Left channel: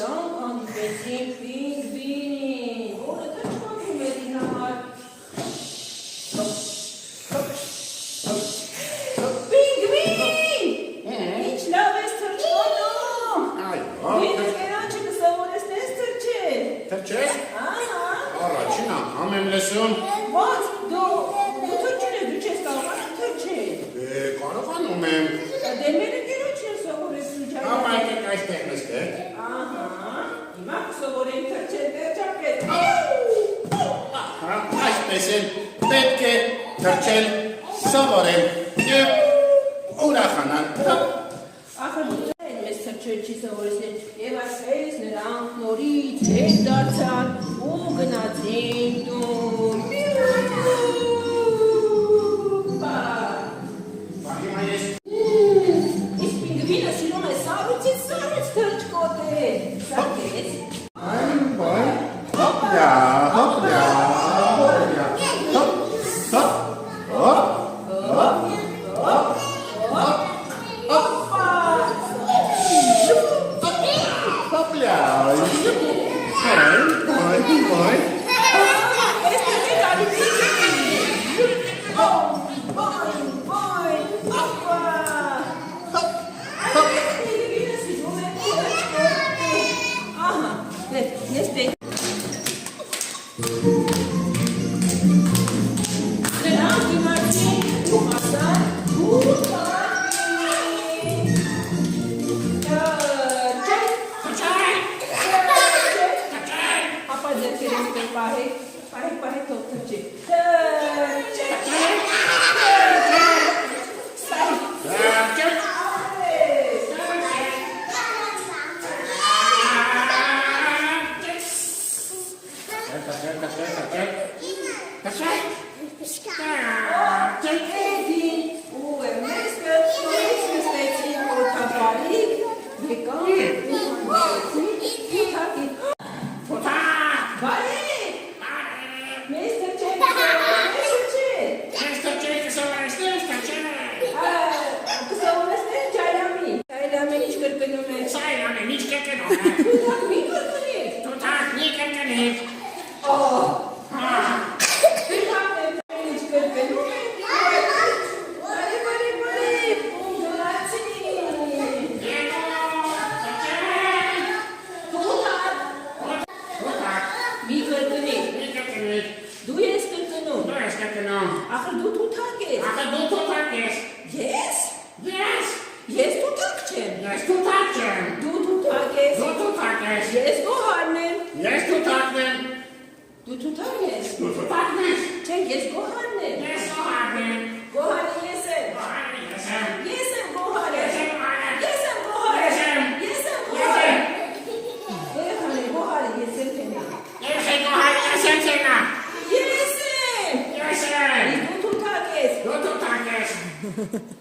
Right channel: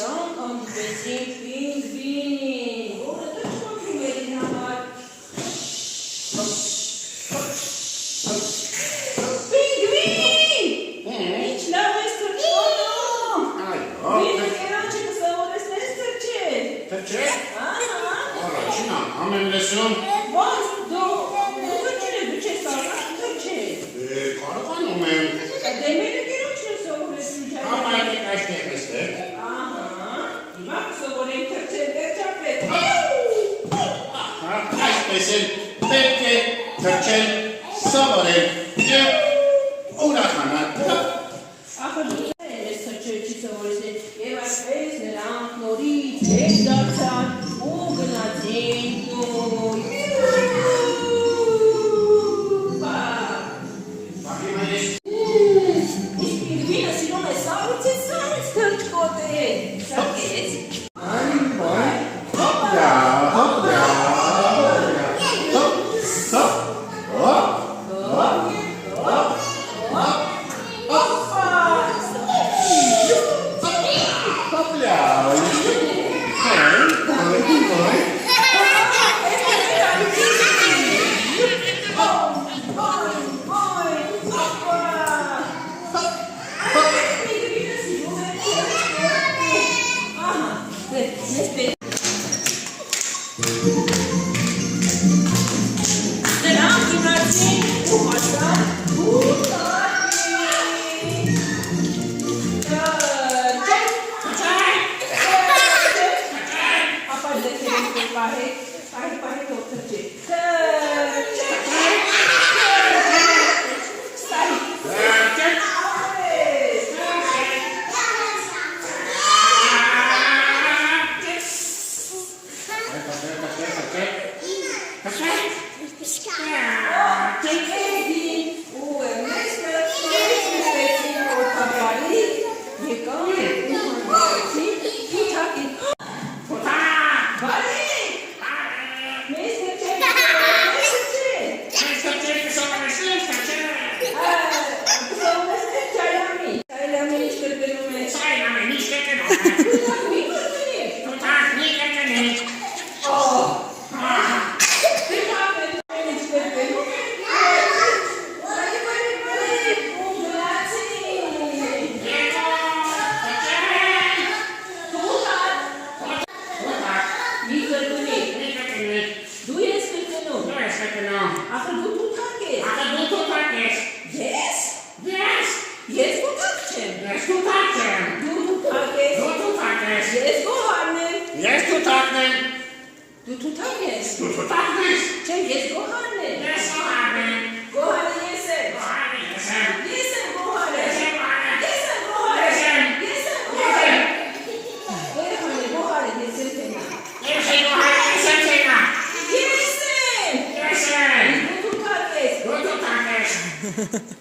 Երանք հանդիպեցին պինգվին, որը թրջմակում էր իր համար։ Պինգվին! Ինչ լավ ես թրջմանում։ Պինգը կերանչը կսովորեսնես թրջել։ Թրջել? Առաջին անգամ եմ լսում։ Բայց դու թրջել ես, դու չես կարող թրջել։ Կարողանում եմ։ Դե մերը կերանչն է սովորեսնում չայ։ Ապա եկեք այստեղ նստեք։ Հիմա կսովորենք թրջել վերջապես։ Այսպես էլ պետք է թրջել, սովորել և ուրախանալ։ Ախր դու ես թրջել չի սովորեցնել և այսպես նրանք նորից հետ դարձան ու գնացին տուն։ Հիմա ես Իսկ պինգվինը սիրում է սառույցից թրջկոտել։ Սակեց։ հոպլա, հոպլա, հոպլա, հոպ, հոպ, հոպ, հոպլա, Նրանք իմացին ու հասան Ապա ձեքերեն պահեք թող թրջել։ Ախր դու թութակ ես։ Ես? Ես թութակ չեմ։ Դու թութակ ես։ Ես գոհարն եմ։ Դու թութակ ես։ Չէ, ես գոհարն եմ։ Գոհարը ես եմ։ Ես եմ գոհարը։ Գոհարը ես եմ թենա։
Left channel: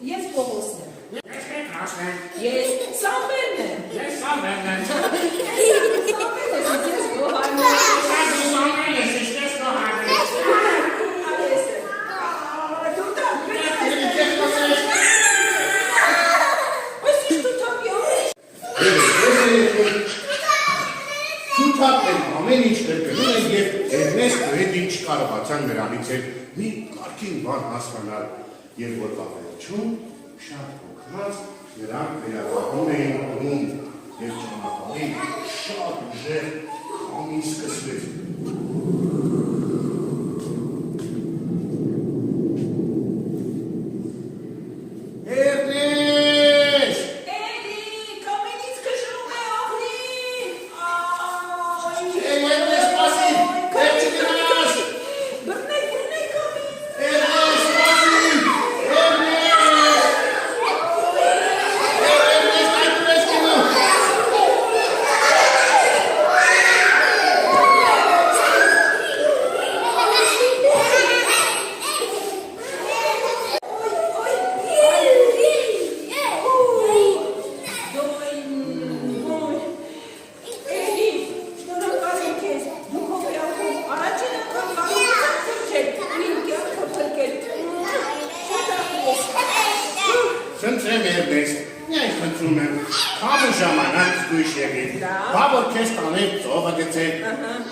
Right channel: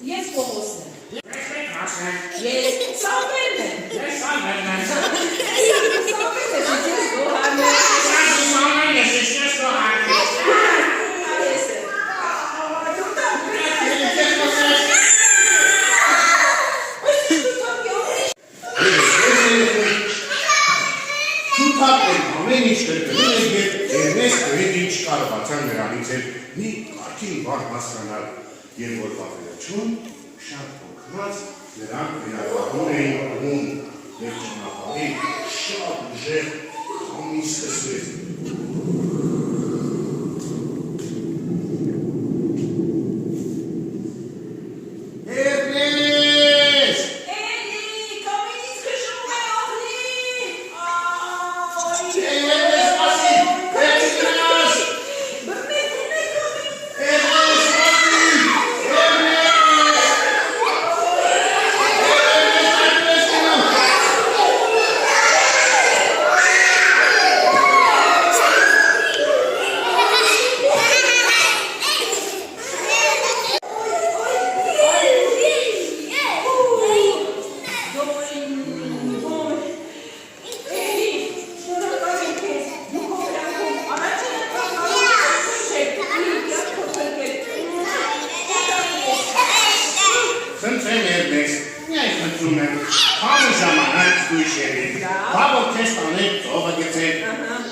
Ես Պողոսն եմ։ Ես Սամվելն եմ։ Սամվելն ես գոհարն եմ։ Թութակ են ամեն ինչ կրկնում են և Էրնեստը հետ ինչ կարողացան նրանից էլ մի կարգին բան հասկանալ և որ պատերություն շատ հոգնած նրանք վերականգնում էին անում և ճանապարհին շատ ուժեղ քամի սկսվեց։ Խնդրեմ Էրնեստ, Միայն խնդրում եմ, քանի ժամանակ զգույշ եղիր, բա որ քեզ տանեք ծովը գցեք,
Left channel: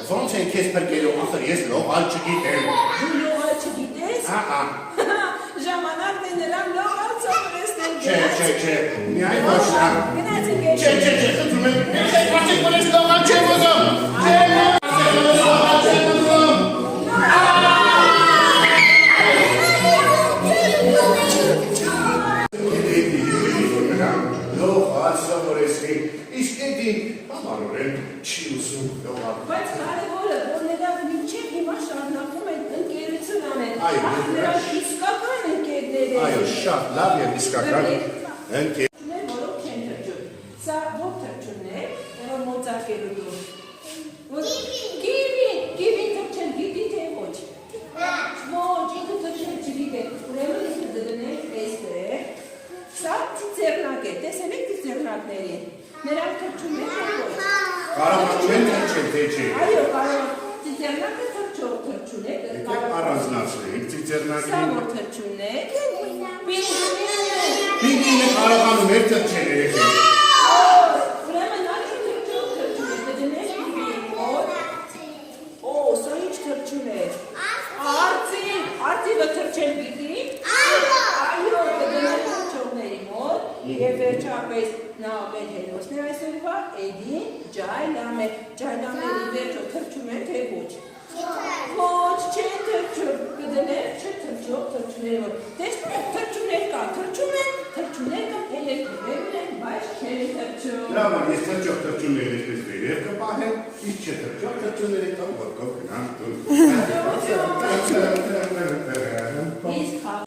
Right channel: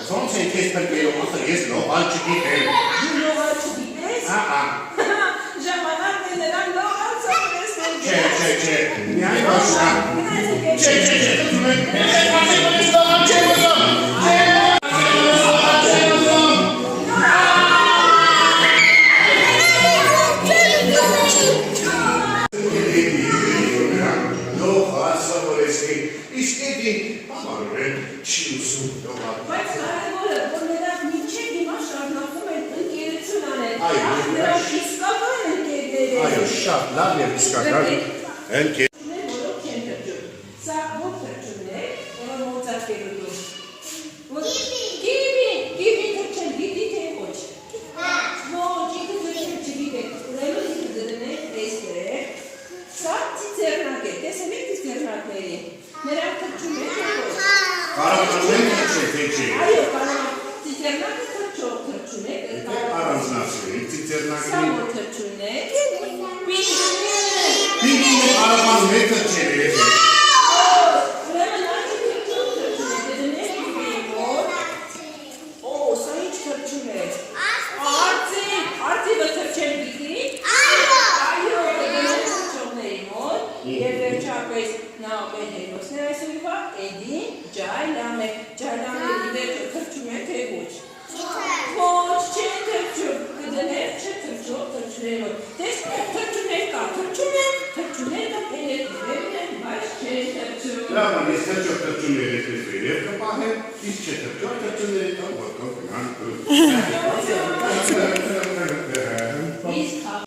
ոնց են քեզ բրկելու, ախր ես լողալ չգիտեմ։ Դու լողալ չգիտես։ Ահա։ Ժամանակն է նրան լողալ սովորեցնել։ Չէ, միայն ոչ նա։ Գնացեք Չէ, խնդրում եմ, ես ես լողալ չեմ ուզում։ Իսկ էդի բավարորեն չի ուզում լողալ։ Բայց կարևորը, որ նրանք մինչև հիմա շարունակում են ընկերություն անել։ Այո, Նրանք իսկական ընկերներ են։ Այո, շատ լավ եւ իսկական ընկեր։ Որոնք են թրջում։ Սա ո՞ր թրջումն է, որը մոծակելու։ Գիվի թրջեն, գիտի թե ոչ։ Ոչ, ինքը թրջեն չգիտեք, ուրեմն ինքը դրնեք տեսեք։ Սա ծիծեռնակ է, տեսել եք ծիծեռնակների։ Նրանք թրջում են թե ոչ։ Կարողանում են թե չէ։ Այո, կարող ծիծեռնակը թրջուն է, Առանձնացրել Սա ծիծեռնակի։ որ թրջուն է։ Պինգվին։ Պինգվինը կարողանում է թրջել եթե։ Ուրեմն նա թրջուն է, դրանից պինգվին մոտ։ Օ, սա ինչ թրջուն է։ Արծիվը թրջել գիտի։ Այո, դրանից թրջողների մոտ։ Եվ վերջապես նա մեր հերոսն է այսօրվա Էդի Ջայլամ է։ Ջայլամների վերջը թրջում է թե ոչ։ Ոչ, չէ թրջում, կդներ չէ թրջող թրջուներով։ Տեսնում եք թրջուներ կա, թրջուներ կա, էլեկտրիվերն են, բայց չէ թրջում։ Լավ, ես թրջող թրջումներ այսպես վերև կպահեմ, իսկ չէ թրջող թրջումների տամ որքով գնան։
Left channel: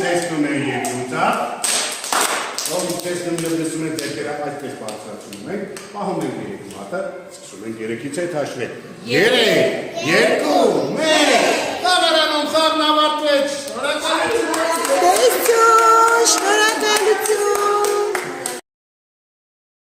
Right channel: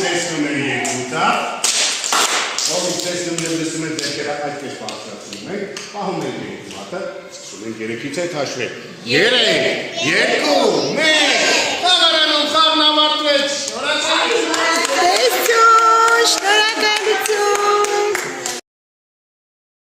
Տեսնում են երկու տար, ով տեսնում և լսում են ձերքերը այսպես բարձրացնում ենք, պահում են երկու հատը, սկսում են երեքից հետ հաշվել։ 3, 2,